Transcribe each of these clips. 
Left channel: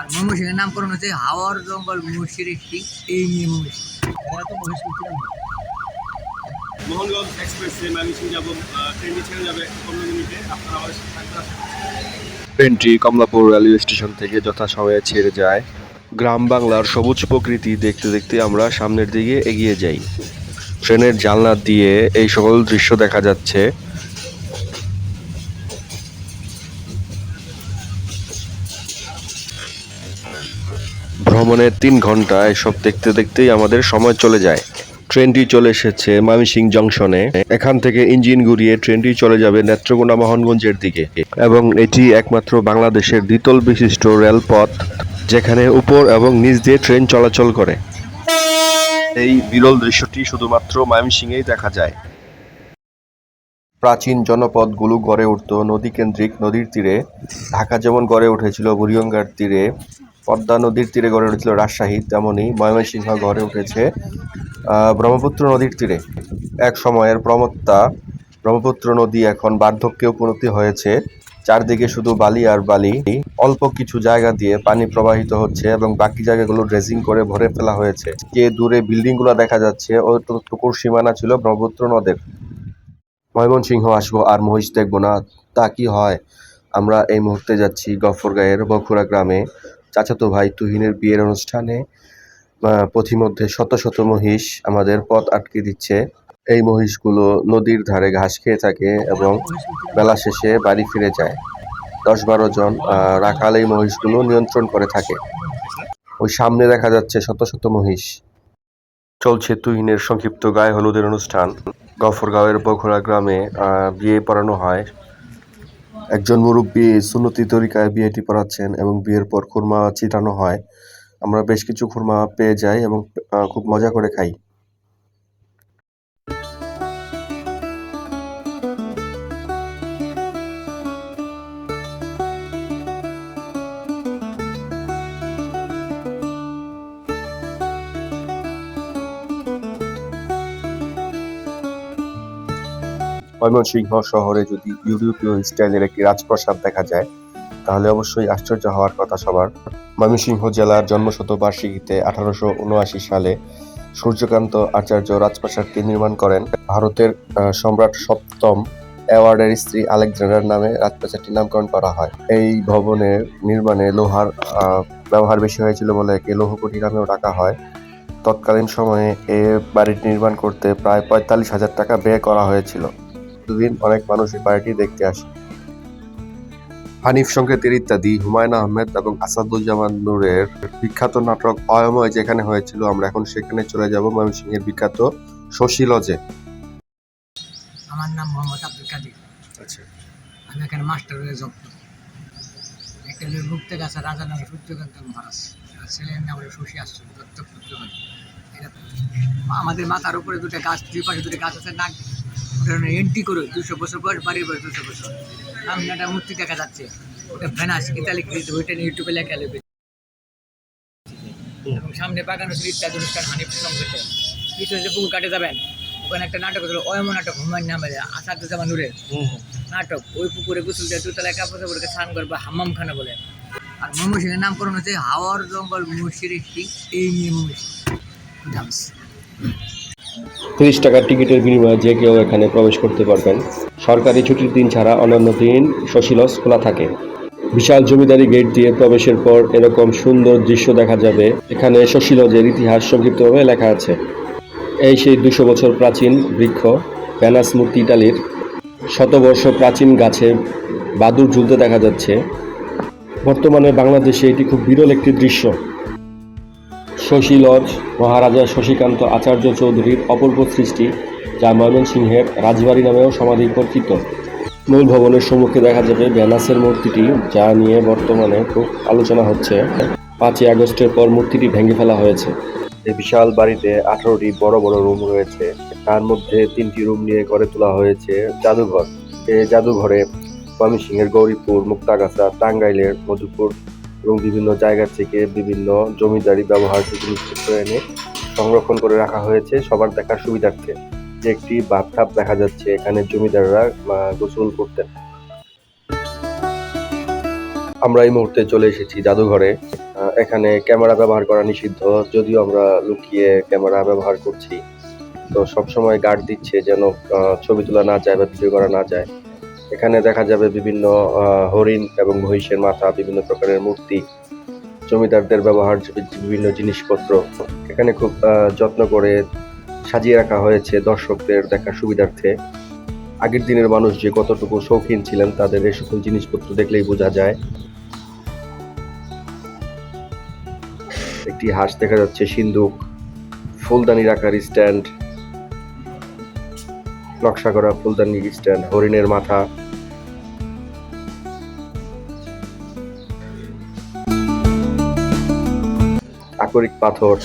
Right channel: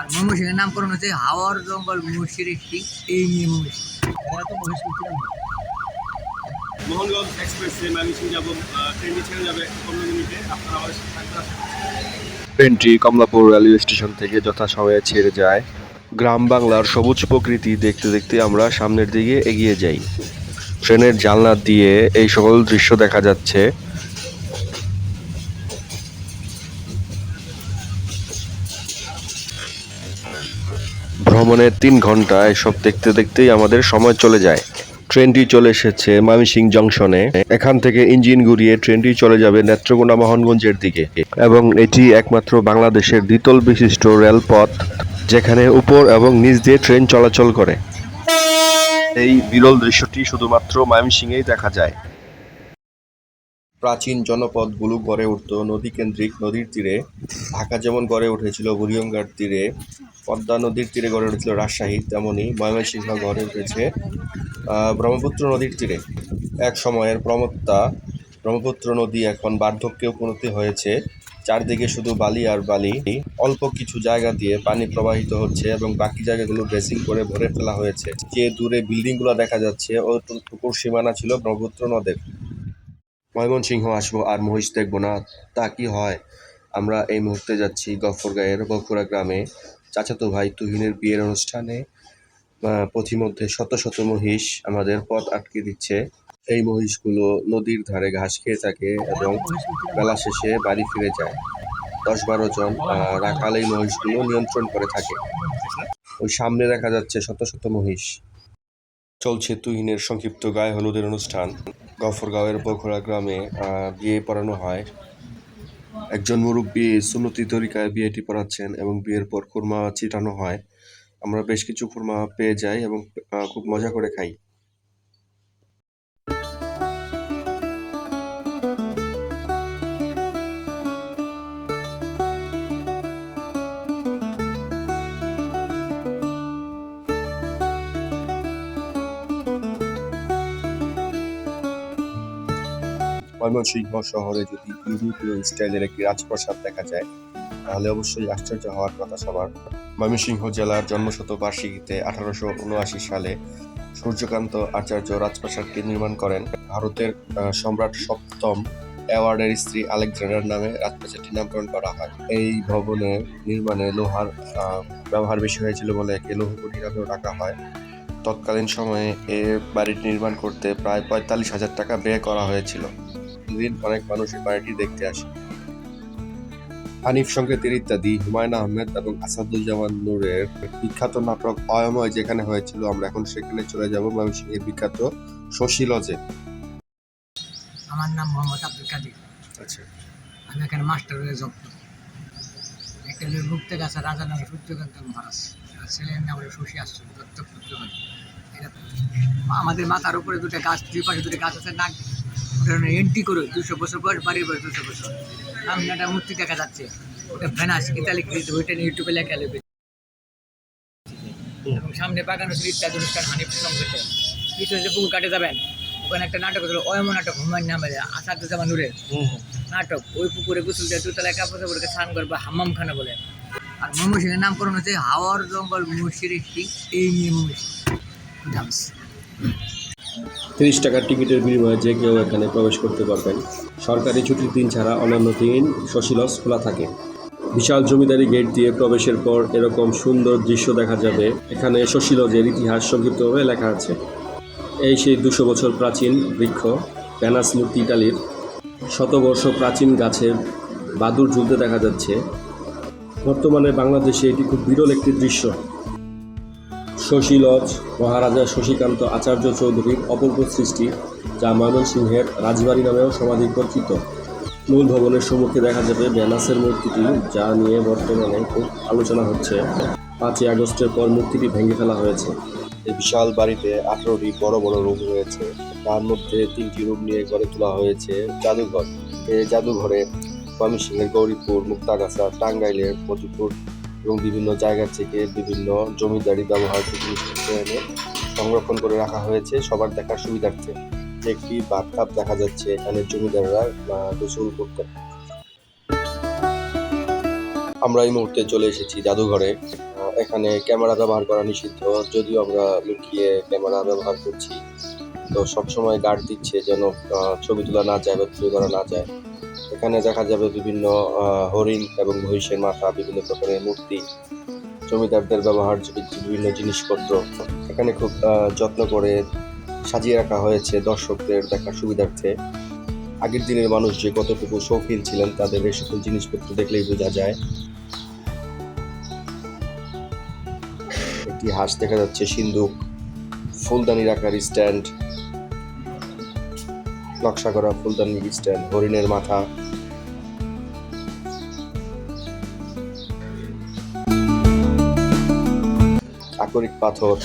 আর ময়মনসিংহের নামকরণ হচ্ছে হাওয়ার জঙ্গল মহিষের একটি এই নিয়ে মহিষ এরা তো মহিষ মোহনগঞ্জ এক্সপ্রেসে সিং যাব ট্রেনটি ছেড়ে যাবে পনেরো মিনিটে। আপনারা আমাদের ট্রেনটি কমলাপুর রেলওয়ে স্টেশন থেকে যথাসময়ে ছেড়ে যায়। গ্রাম বাংলার সবুজ প্রকৃতি দেখতে দেখতে আমরা সামনের দিকে এগিয়ে যাই। ট্রেনের জানলা দিয়ে এই সকল দৃশ্য দেখা যাচ্ছে। ভ্রমণের তিন ঘণ্টা এসব দেখতে দেখতেই আমাদের সময় চলে যায়। ট্রেনটি চলে এসেছে ময়মনসিং জংশনে। এখান থেকে ইঞ্জিন ঘুরিয়ে ট্রেনটি চলে যাবে নেত্রকোনা মোহনগঞ্জের দিকে। এবং এটি একমাত্র বাংলাদেশের দ্বিতল বিশিষ্ট রেলপথ, যেখানে উপর এবং নিচ দিয়ে ট্রেন চলাচল করে। এই বিরল দৃশ্যটি শুধুমাত্র ময়মনসিংহেই দেখা যায়। প্রাচীন জনপদগুলো গড়ে উঠত। নদীকেন্দ্রিক নদীর তীরে। ঢাকা যেমন গড়ে উঠেছিল, বুড়িগঙ্গার তীরে। পদ্মা নদীর তীরে গড়ে উঠেছিল রাজশাহী তেমনই ময়মনসিংহ গড়ে উঠেছে ব্রহ্মপুত্র নদীর তীরে। এক সময়ের প্রমত্তা, ব্রহ্মপুত্র নদী এখন বার্ধক্যে উপনীত হয়েছে। চারদিকে শুধু বালি আর বালি। অল্প কিছু জায়গা দিয়ে পানি প্রবাহিত হচ্ছে এবং বাকি জায়গাগুলো ড্রেসিং করে ভরে ফেলা হয়েছে। যে দূরে বিল্ডিংগুলো দেখা যাচ্ছে ওটুকুর সীমানা ছিল ব্রহ্মপুত্র নদের। ময়মনসিংহ আসব আর মহিষ দেখব না, তা কি হয়? আমরা এই মুহূর্তে যাচ্ছি গফরগাঁয়ের বখুড়া গ্রামে। চাচাতো ভাই তুহিনের বিয়ের অনুষ্ঠানে পথিমধ্যে শত শত মহিষ আমাদের পথ আটকে দিচ্ছে। এই মহিষগুলো নদীর ধারে ঘাস খেয়ে থাকে এবং বেলা শেষে বাড়ি ফিরে যায়। দশ বারো জন রাখাল এই মহিষগুলো নিয়ন্ত্রণ করে থাকে। ওই সামনে দেখা যাচ্ছে শত শত মহিষ। চলছে তুহিনের সংক্ষিপ্ত গায়ে হলুদের অনুষ্ঠান। গফরগাঁওয়ের বখরা গ্রামে বিয়ে পড়ানো হয়। একজন মুরব্বী সুন্নতি তরিকায় বিয়েটি পড়াচ্ছেন এবং বিয়ের পর খুরমা ছিটানো হয়। আমরা বেশ কিছু খুরমা পেয়ে যাই এবং খুব মজা করে খাই। ময়মনসিংহ শহরে যদি ইউরোপীয় স্টাইলের একটি রাজপ্রাসাদ দেখা যায়, তাহলে অবশ্যই আশ্চর্য হওয়ার কথা সবার। ময়মনসিংহ জেলার জন্মশতবার্ষিকীতে আঠারোশো উনআশি সালে সূর্যকান্ত আচার্য রাজপ্রাসাদটি নির্মাণ করেন। ভারতের সম্রাট সপ্তম অ্যাওয়ার্ডের স্ত্রী আলেকজান্ডার নামে রাজপ্রাসাদটির নামকরণ করা হয়। এই ভবনের নির্মাণে লোহার ব্যবহার বেশি হয়েছিল বলে একে লৌহকুঠি নামেও ডাকা হয়। তৎকালীন সময়ে এ বাড়িটি নির্মাণ করতে প্রায় পঁয়তাল্লিশ হাজার টাকা ব্যয় করা হয়েছিল। প্রতিদিন অনেক মানুষ এই বাড়িটি দেখতে আসে। হানিফ সংকেতের ইত্যাদি হুমায়ুন আহমেদ এবং আসাদুজ্জামান নূরের বিখ্যাত নাটক অয়ময় যেখানে হয়েছিল আমরা এখন সেখানে চলে যাব ময়মনসিংহের বিখ্যাত শশী লজে। আমার নাম মোহাম্মদ আব্দুল কাদির। আচ্ছা। আমি এখানে মাস্টার হয়ে জব করি একটা যে মুক্ত গাছে রাজা নামে সূর্যকান্ত মহারাজ। আর ছেলের নাম হলো শশী আশ্চর্য দত্তক পুত্র আমাদের মাথার উপরে দুটো গাছ দুই পাশে দুটো গাছ আছে নাক এন্ট্রি করে দুশো বছর বয়স বাড়ির বয়স দুশো বছর। সামনে একটা মূর্তি দেখা যাচ্ছে। ওটা ভেনাস ইতালি কৃত ওইটা নিয়ে ইউটিউবে লেখা লেবে এবং সামনে বাগান হচ্ছে ইত্যাদি অনুষ্ঠান হানিফ সংগঠে পিছনে যে পুকুর কাটে যাবেন। ওখানে একটা নাটক হলো অয়ম নাটক হুমায়ুন নামে আসাদুজ্জামান নূরের নাটক। ওই পুকুরে গোসল দিয়ে দুতলায় কাপড় চাপড়কে স্নান করবে হাম্মাম খানা বলে। আর ময়মনসিংহের নামকরণ হচ্ছে হাওয়ার জঙ্গল একটি এই নিয়ে ডান্স তিরিশ টাকার টিকিটের বিনিময়ে যে কেউ এখানে প্রবেশ করতে পারবেন। সরকারি ছুটির দিন ছাড়া অন্যান্য দিন শশীলস খোলা থাকে। বিশাল জমিদারি গেট দিয়ে প্রবেশের পর এরকম সুন্দর দৃশ্য দেখা যাবে। এখানে শশীলজের ইতিহাস সংক্ষিপ্তভাবে লেখা আছে। এই সেই দুশো বছর প্রাচীন বৃক্ষ প্যানাস মূর্তি ইটালির শতবর্ষ প্রাচীন গাছে বাদুর ঝুলতে দেখা যাচ্ছে। বর্তমানে বাংলাদেশে এটি খুব বিরল একটি দৃশ্য। শশী লজ, মহারাজা শশীকান্ত আচার্য চৌধুরীর অপূর্ব সৃষ্টি, যা ময়মনসিংহের রাজবাড়ি নামেও সমাধি পরিচিত মূল ভবনের সম্মুখে দেখা যাবে ব্যানাসের মূর্তিটি, যা নিয়ে বর্তমানে খুব আলোচনা হচ্ছে। পাঁচই আগস্টের পর মূর্তিটি ভেঙে ফেলা হয়েছে। এই বিশাল বাড়িতে আঠারোটি বড় বড় রুম রয়েছে। তার মধ্যে তিনটি রুম নিয়ে গড়ে তোলা হয়েছে জাদুঘর। এই জাদুঘরে ময়মনসিংহের গৌরীপুর, মুক্তাগাছা, টাঙ্গাইলের মধুপুর এবং বিভিন্ন জায়গা থেকে বিভিন্ন জমিদারি জিনিসপত্র এনে সংরক্ষণ করে রাখা হয়েছে। সবার দেখার সুবিধার্থে যে একটি বাথটাব দেখা যাচ্ছে, এখানে জমিদাররা গোসল করতেন আমরা এই মুহূর্তে চলে এসেছি জাদুঘরে। এখানে ক্যামেরা ব্যবহার করা নিষিদ্ধ, যদিও আমরা লুকিয়ে ক্যামেরা ব্যবহার করছি। তো সবসময় গার্ড দিচ্ছে যেন ছবি তোলা না যায় বা ভিডিও করা না যায়। এখানে দেখা যাবে বিভিন্ন হরিণ এবং মহিষের মাথা, বিভিন্ন প্রকারের মূর্তি, জমিদারদের ব্যবহার, বিভিন্ন জিনিসপত্র। এখানে খুব যত্ন করে সাজিয়ে রাখা হয়েছে দর্শকদের দেখার সুবিধার্থে। আগের দিনের মানুষ যে কতটুকু শৌখিন ছিলেন, তাদের এই সকল জিনিসপত্র দেখলেই বোঝা যায়। একটি হাঁস দেখা যাচ্ছে সিন্দুক ফুলদানির আকার স্ট্যান্ড নকশা করা ফুলদানির স্ট্যান্ড, হরিণের মাথা। আকরিক পাথর।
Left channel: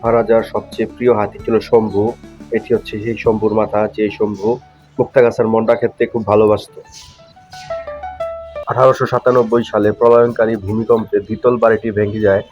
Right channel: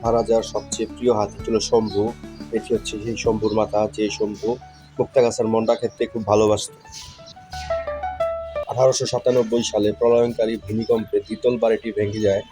মহারাজার সবচেয়ে প্রিয় হাতি ছিল শম্ভু। এটি হচ্ছে সেই শম্ভুর মাথা, যে শম্ভু মুক্তাগাছার মন্ডা ক্ষেত্রে খুব ভালোবাসত। আঠারোশো সাতানব্বই সালে প্রলয়ঙ্কারী ভূমিকম্পে দ্বিতল বাড়িটি ভেঙে যায়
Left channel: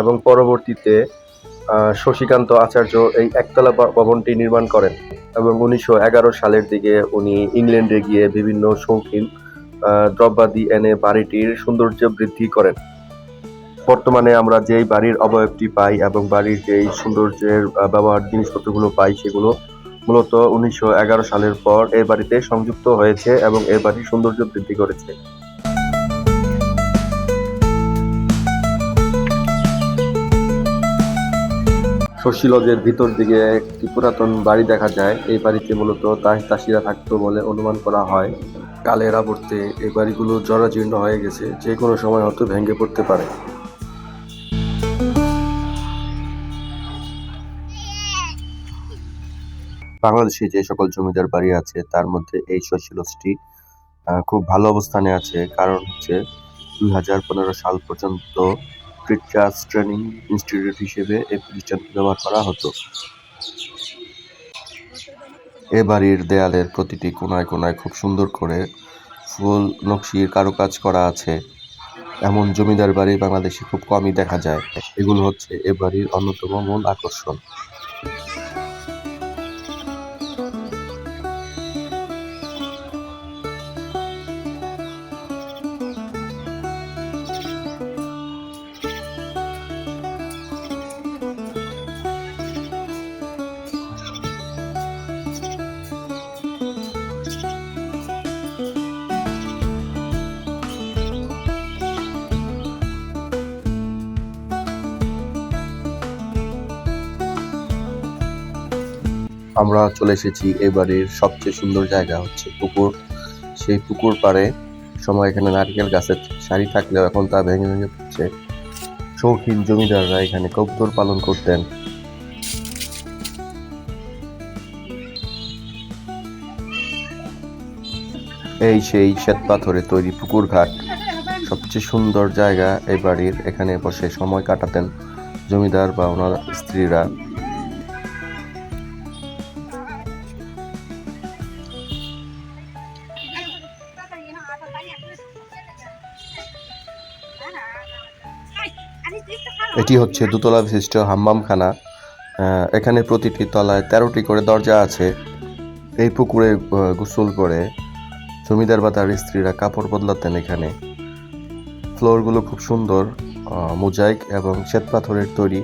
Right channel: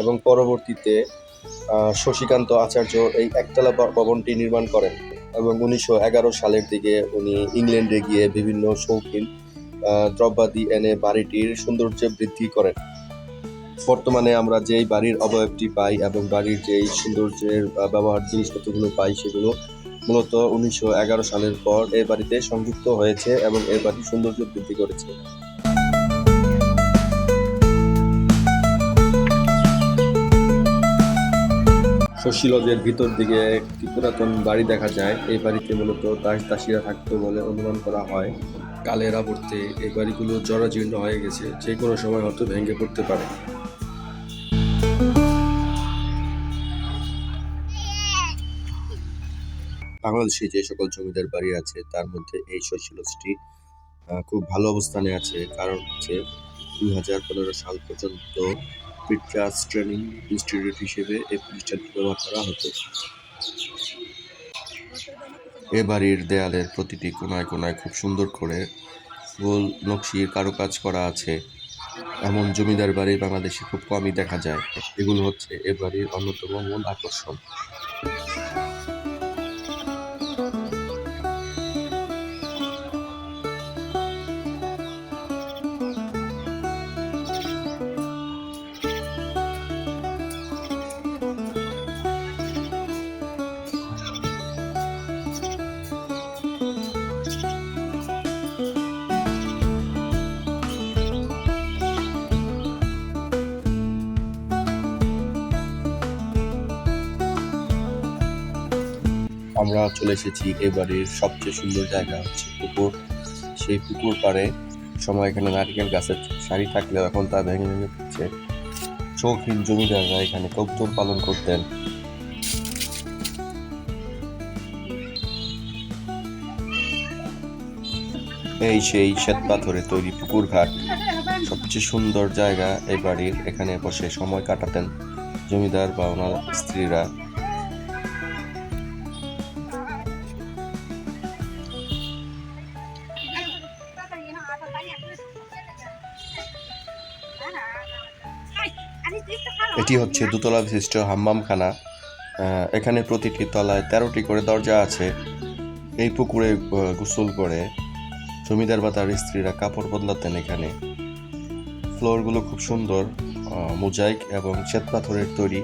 এবং পরবর্তীতে শশীকান্ত আচার্য এই একতলা ভবনটি নির্মাণ করেন এবং উনিশশো এগারো সালের দিকে উনি ইংল্যান্ডে গিয়ে বিভিন্ন শৌখিন দ্রব্যাদি এনে বাড়িটির সৌন্দর্য বৃদ্ধি করেন। বর্তমানে আমরা যেই বাড়ির অবয়বটি পাই এবং বাড়ির যেই সৌন্দর্যের ব্যবহার জিনিসপত্রগুলো পাই সেগুলো মূলত উনিশশো এগারো সালের পর এই বাড়িতে সংযুক্ত হয়েছে এবং এই বাড়ির সৌন্দর্য বৃদ্ধি করেছে। শশী লজের ভিতর দিকে একটি পুরাতন বাড়ি দেখা যায়। এই বাড়িতে মূলত তাস তাসিরা থাকতো বলে অনুমান করা হয়। কালের আবর্তে এই বাড়িগুলো জরাজীর্ণ হয়ে গেছে, যে কোনো সময় হয়তো ভেঙে পড়তে পারে। বাংলাদেশে যে সকল জমিদার বাড়ি আছে, তার মধ্যে এই শশী খুব ভালো অবস্থানে আছে। কারণ হচ্ছে দুই হাজার পনেরো সাল পর্যন্ত ক্রিটকাস ট্রেনিং ইনস্টিটিউট হিসেবে এই প্রতিষ্ঠানটি ব্যবহার করা হতো। এ বাড়ির দেয়ালের প্রতিটি কোনায় কোনায় খুব সুন্দর করে ফুল নকশির কারুকাজ করা আছে। এমন জমিদার বাড়ি বাংলাদেশে খুব কমই দেখা যায়। এগুলো হচ্ছে এ বাড়ির অন্যতম মূল আকর্ষণ। আমরা চলে এসেছি। এই বাড়ির সবচেয়ে সুন্দর জায়গা হচ্ছে পুকুর। সেই পুকুর পাড়ে সময় এখানে নারকেল গাছের সারি থাকলেও এখন তা ভেঙে ভেঙে পড়ছে। শৌখিন জমিদাররা এখানে কবুতর পালন করতেন। এই সেই শ্বেত পাথরে তৈরি পুকুর ঘাট। সবচেয়ে সুন্দর জায়গা এই বাড়ির এখানে বসে সময় কাটাতেন জমিদার বা ওনার স্ত্রীরা। এটি হচ্ছে দোতলা বিশিষ্ট হাম্মামখানা এখানে প্রতিটি তলায় তেরোটি করে দরজা আছে। এই পুকুরে গোসল করে জমিদার বা তার স্ত্রীরা কাপড় বদলাতেন এখানে। ফ্লোরগুলো খুব সুন্দর মোজাইক এবং শ্বেত পাথরের তৈরি।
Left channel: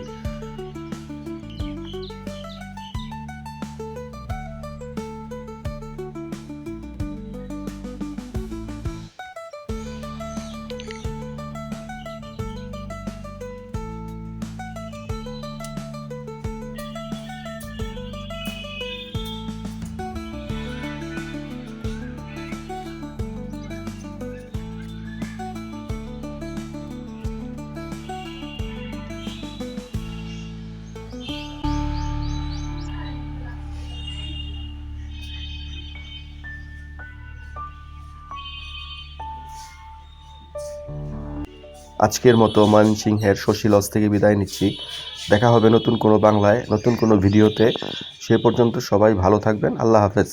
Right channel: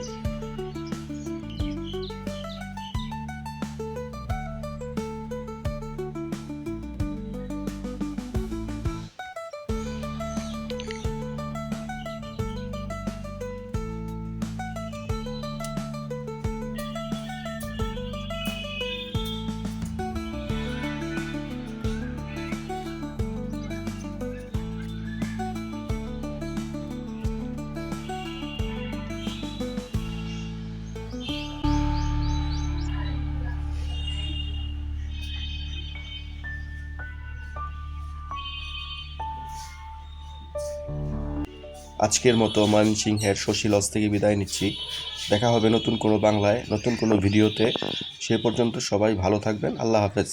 আজকের মতো ময়মনসিংহের শশীলজ থেকে বিদায় নিচ্ছি। দেখা হবে নতুন কোনো বাংলায়, নতুন কোনো ভিডিওতে। সে পর্যন্ত সবাই ভালো থাকবেন। আল্লাহ হাফেজ।